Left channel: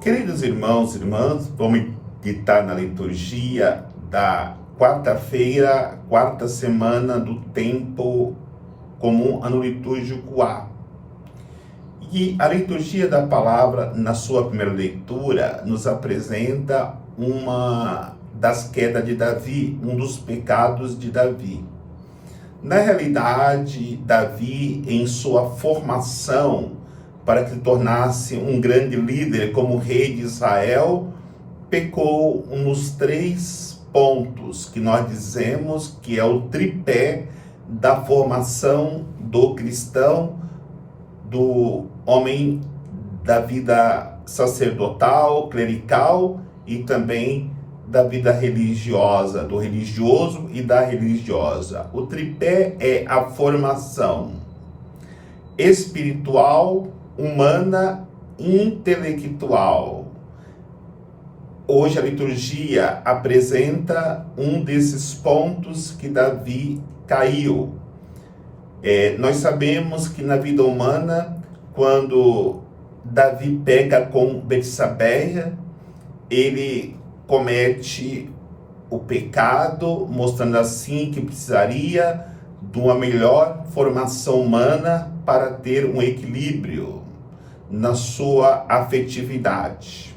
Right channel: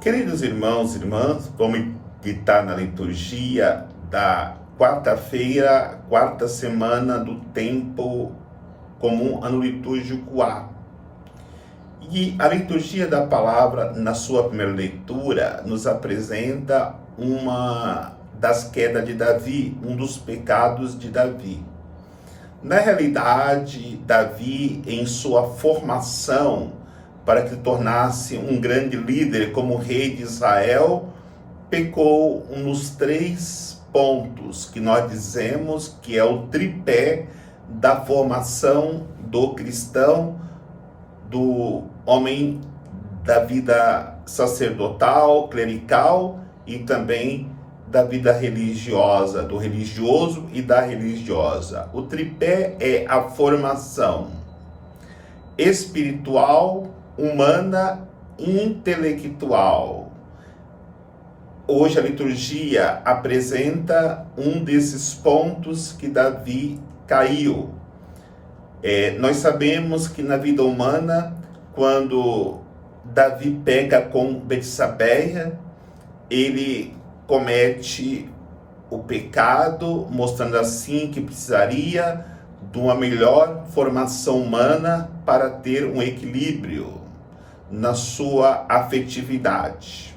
Queridos irmãos e irmãs, vamos meditar na liturgia da quarta-feira, quarta semana do tempo comum, ano litúrgico A. E a liturgia da palavra, na sua primeira leitura, nos apresenta uma das quedas de Davi, um dos pecados de Davi. Na realidade, Davi, em sua formação, para que se tornasse um grande líder como rei de Israel, pecou nos 3 pontos que nós dizemos que é o tripé da formação do cristão, do homem da vida sacerdotal, clerical e também da vida religiosa, do religioso e da religiosa. O tripé é a formação espiritual, humana e intelectual. Hoje a liturgia apresenta um desses pontos que Davi caiu. Nós sabemos que na vida humana, quando Davi peca com Betsabeia, ele comete o pecado, mostrando assim que precisaria de uma melhor formação humana para ter um equilíbrio na sua afetividade.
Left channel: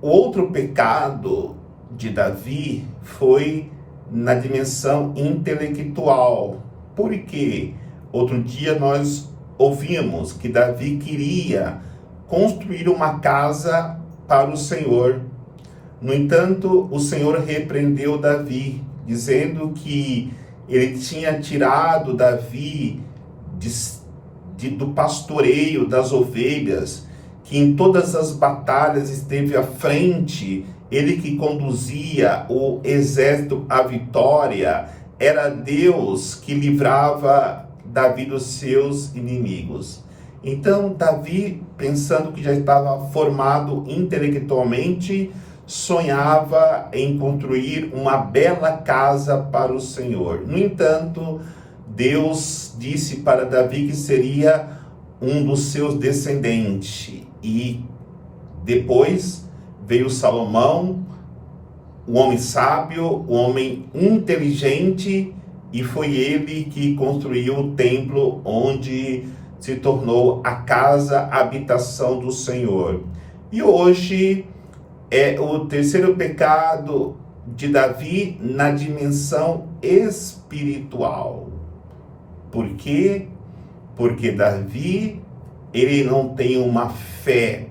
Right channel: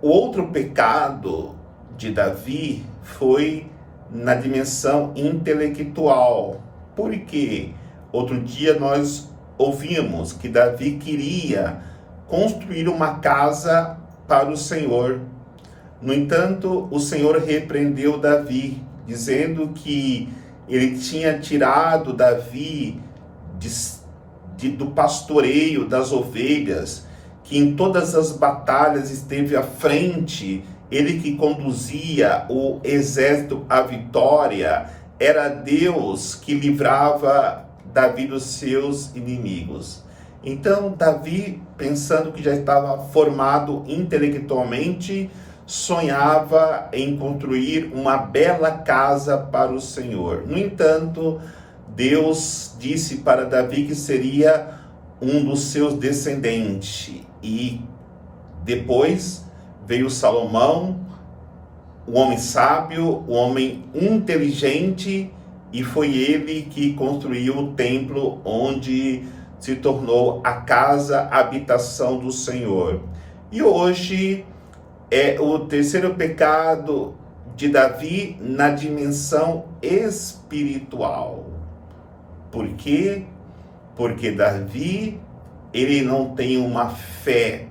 O outro pecado de Davi foi na dimensão intelectual. Porque outro dia nós ouvimos que Davi queria construir uma casa para o Senhor. No entanto, o Senhor repreendeu Davi, dizendo que ele tinha tirado Davi do pastoreio das ovelhas, que em todas as batalhas esteve à frente, ele que conduzia o exército à vitória, era Deus que livrava Davi dos seus inimigos. Então, Davi, pensando que já estava formado intelectualmente, sonhava em construir uma bela casa para o Senhor. No entanto, Deus disse para Davi que seria um dos seus descendentes. E depois veio Salomão, o homem sábio, o homem inteligente, e foi ele que construiu o templo onde se tornou a casa, a habitação do Senhor. E hoje é o terceiro pecado de Davi na dimensão espiritual. Por quê? Porque Davi, ele não tem uma fé,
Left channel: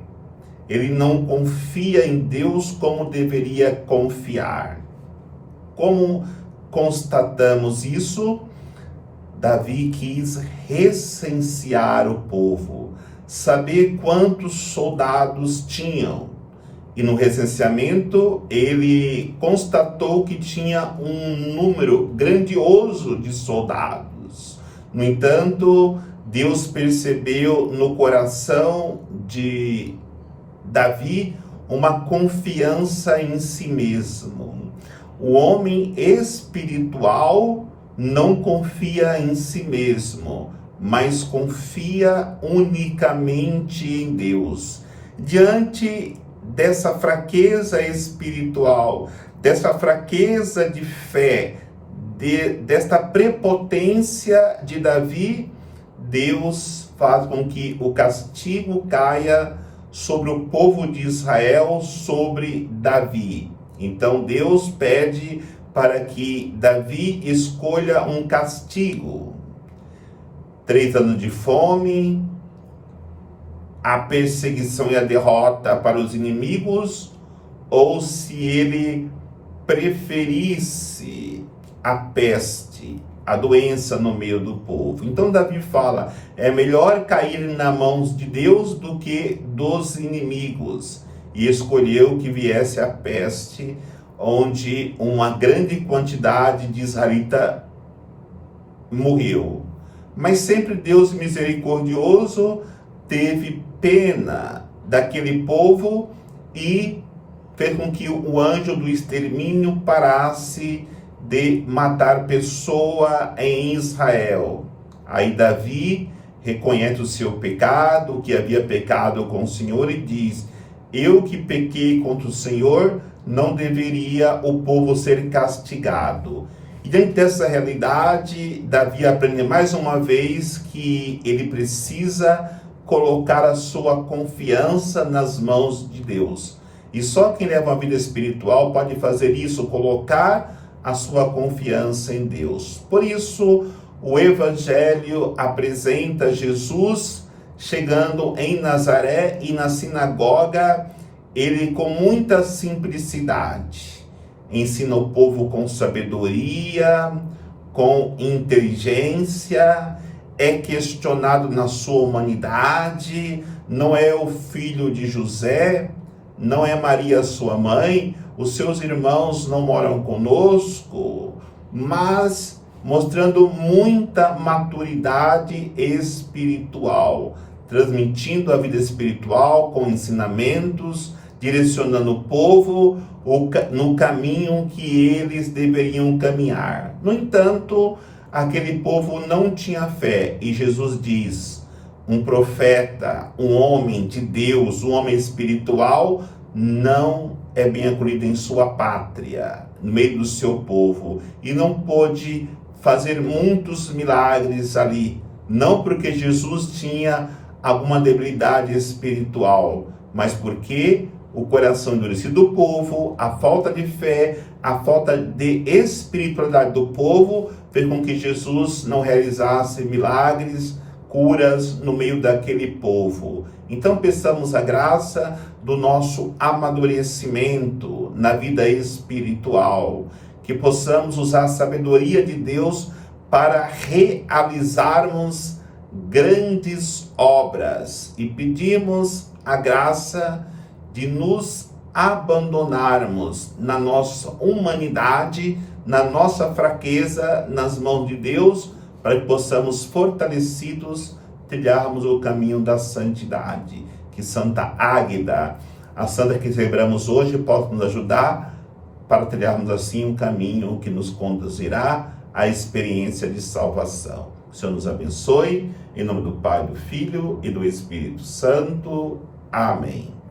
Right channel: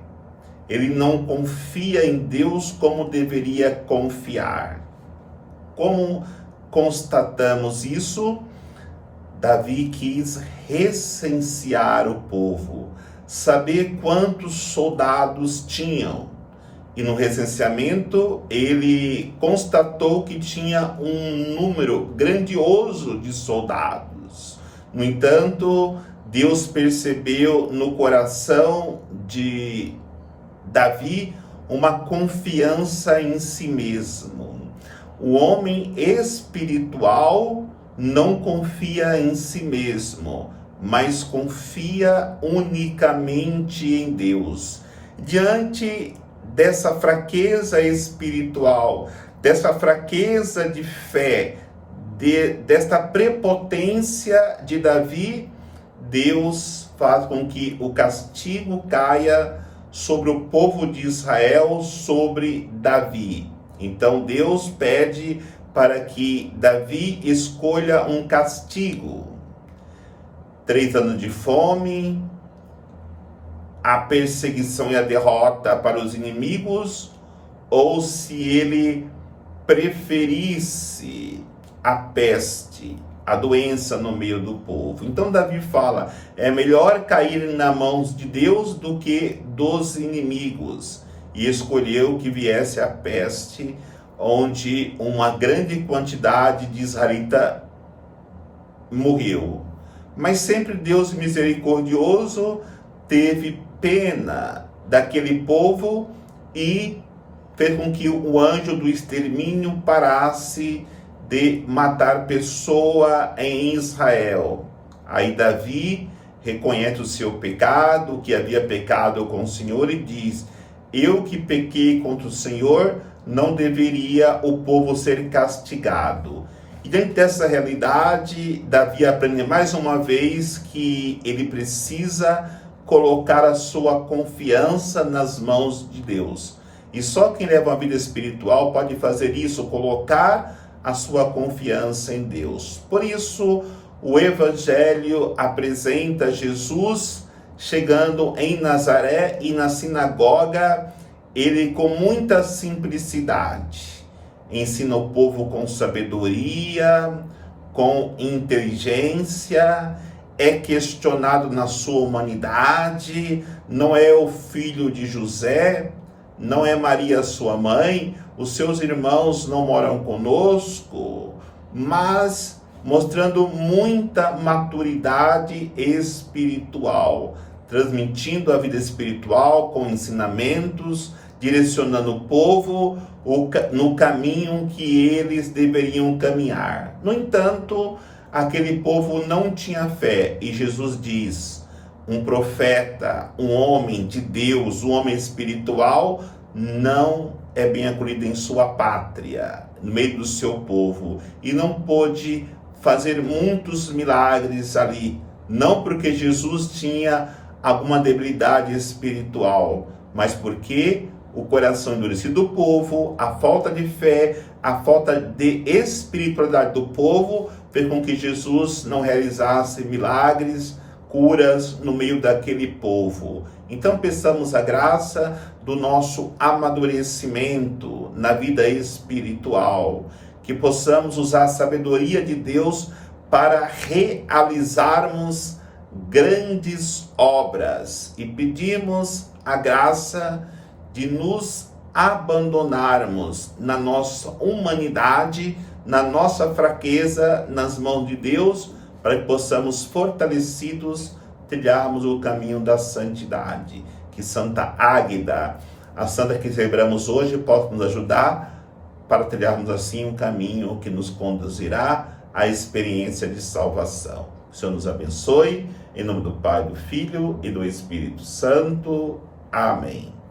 ele não confia em Deus como deveria confiar. Como constatamos isso? Davi quis recensear o povo, saber quantos soldados tinham. E no recenseamento, ele constatou que tinha um número grandioso de soldados. No entanto, Deus percebeu no coração de Davi uma confiança em si mesmo. O homem espiritual não confia em si mesmo, mas confia unicamente em Deus. Diante dessa fraqueza espiritual, dessa fraqueza de fé, desta prepotência de Davi, Deus faz com que o castigo caia sobre o povo de Israel, sobre Davi. Então Deus pede para que Davi escolha um castigo. 3 anos de fome, a perseguição e a derrota para os inimigos, ou se ele preferisse a peste, a doença no meio do povo. Então Davi fala, é melhor cair nas mãos de Deus do que dos inimigos. E escolheu que viesse a peste, onde uma grande quantidade de israelitas morreu. Mas sempre Deus misericordioso teve pena daquele povo e fez com que o anjo do extermínio parasse de matar pessoa em Israel. Aí Davi reconhece o seu pecado, que havia pecado com o Senhor, e diz: eu que pequei contra o Senhor, não deveria o povo ser castigado. E dentro dessa realidade, Davi aprende mais uma vez que ele precisa colocar a sua confiança nas mãos de Deus. E só quem leva uma vida espiritual pode fazer isso, colocar a sua confiança em Deus. Por isso, o Evangelho apresenta Jesus chegando em Nazaré, e na sinagoga ele, com muita simplicidade, ensina o povo com sabedoria, com inteligência, é questionado na sua humanidade, não é o filho de José, não é Maria sua mãe, os seus irmãos não moram conosco, mas mostrando muita maturidade espiritual, transmitindo a vida espiritual com ensinamentos, direcionando o povo no caminho que eles deveriam caminhar. No entanto, aquele povo não tinha fé, e Jesus diz: um profeta, um homem de Deus, um homem espiritual, não é bem acolhido em sua pátria, no meio do seu povo, e não pôde fazer muitos milagres ali, não porque Jesus tinha alguma debilidade espiritual, mas porque o coração endurecido do povo, a falta de fé, a falta de espiritualidade do povo, fez com que Jesus não realizasse milagres, curas no meio daquele povo. Então peçamos a graça do nosso amadurecimento na vida espiritual, que possamos usar a sabedoria de Deus para realizarmos grandes obras, e pedimos a graça de nos abandonarmos na nossa humanidade, na nossa fraqueza, nas mãos de Deus, para que possamos, fortalecidos, trilharmos o caminho da santidade. Que Santa Águeda, a santa que celebramos hoje, possa nos ajudar para trilharmos assim um caminho que nos conduzirá à experiência de salvação. O Senhor nos abençoe, em nome do Pai, do Filho e do Espírito Santo. Amém.